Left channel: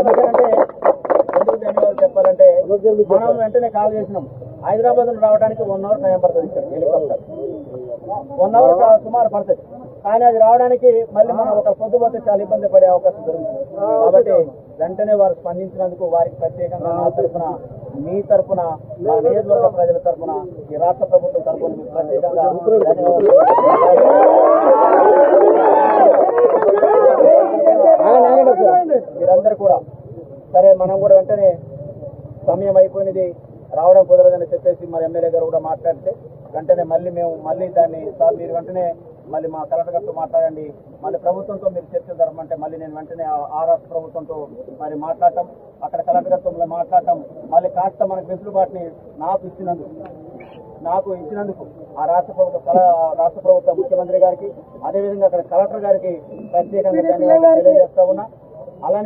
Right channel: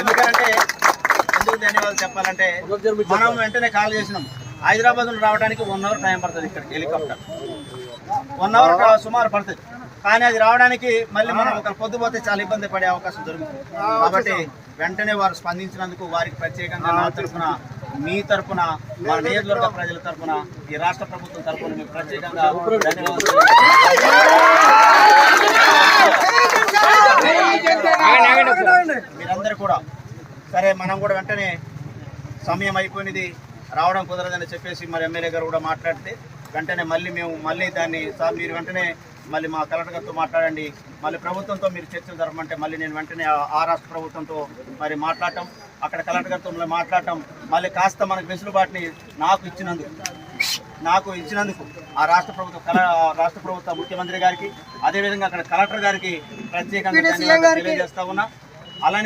ఎందుకంటే ఎందుకు ధన్యవాదాలు చెప్పాలంటే మనం వెంటనే కాల్ చేసినాం. హైదరాబాద్ నుండి రావడానికి 1 అవర్ టైం పడుతుంది. ఇక్కడ హెలికాప్టర్ 1 అవర్ సుమారు పడుతుంది. కానీ అది రావడానికి మళ్ళీ మనం ఒకరు పొద్దుపోతే చాలా ఇబ్బంది పడే అవకాశం దొరుకుతుంది. కాబట్టి వెంటనే వారు స్పందించినందుకు వారికి ప్రత్యేకంగా నా తరఫున, మీ తరఫున, మన నియోజకవర్గ ప్రజల తరఫున, ఈ రాష్ట్ర ప్రభుత్వం తరఫున మీకు ప్రత్యేకంగా ధన్యవాదాలు. మీరందరూ కూడా సరే, మనం కూడా వెంటనే సమయం అయిపోయినది, రావడం కుదరదని చెప్పేసి మరి ఎమ్మెల్యే గారు కూడా మాట్లాడితే వెంటనే మళ్ళీ దాన్ని సార్ మీరు వెంటనే మళ్ళీ మా కలెక్టర్ గారితో మాట్లాడండి, మళ్ళీ ప్రభుత్వంతో మీరు చర్చలు జరపమంటే మళ్ళీ నేను వెంటనే ఆ రాష్ట్ర ప్రభుత్వంతో మరి మాట్లాడటం, అక్కడ కలెక్టర్ గారితో మళ్ళీ మాట్లాడటం, మళ్ళీ కాస్త మనకు వెసులుబాటుని నాకు ఇచ్చినందుకు ఆ రాష్ట్ర ప్రభుత్వ ముఖ్యమంత్రి గారికి, అదేవిధంగా అక్కడ కలెక్టర్ గారికి ప్రత్యేకంగా తెలియజేస్తా ఉన్నా. అలానే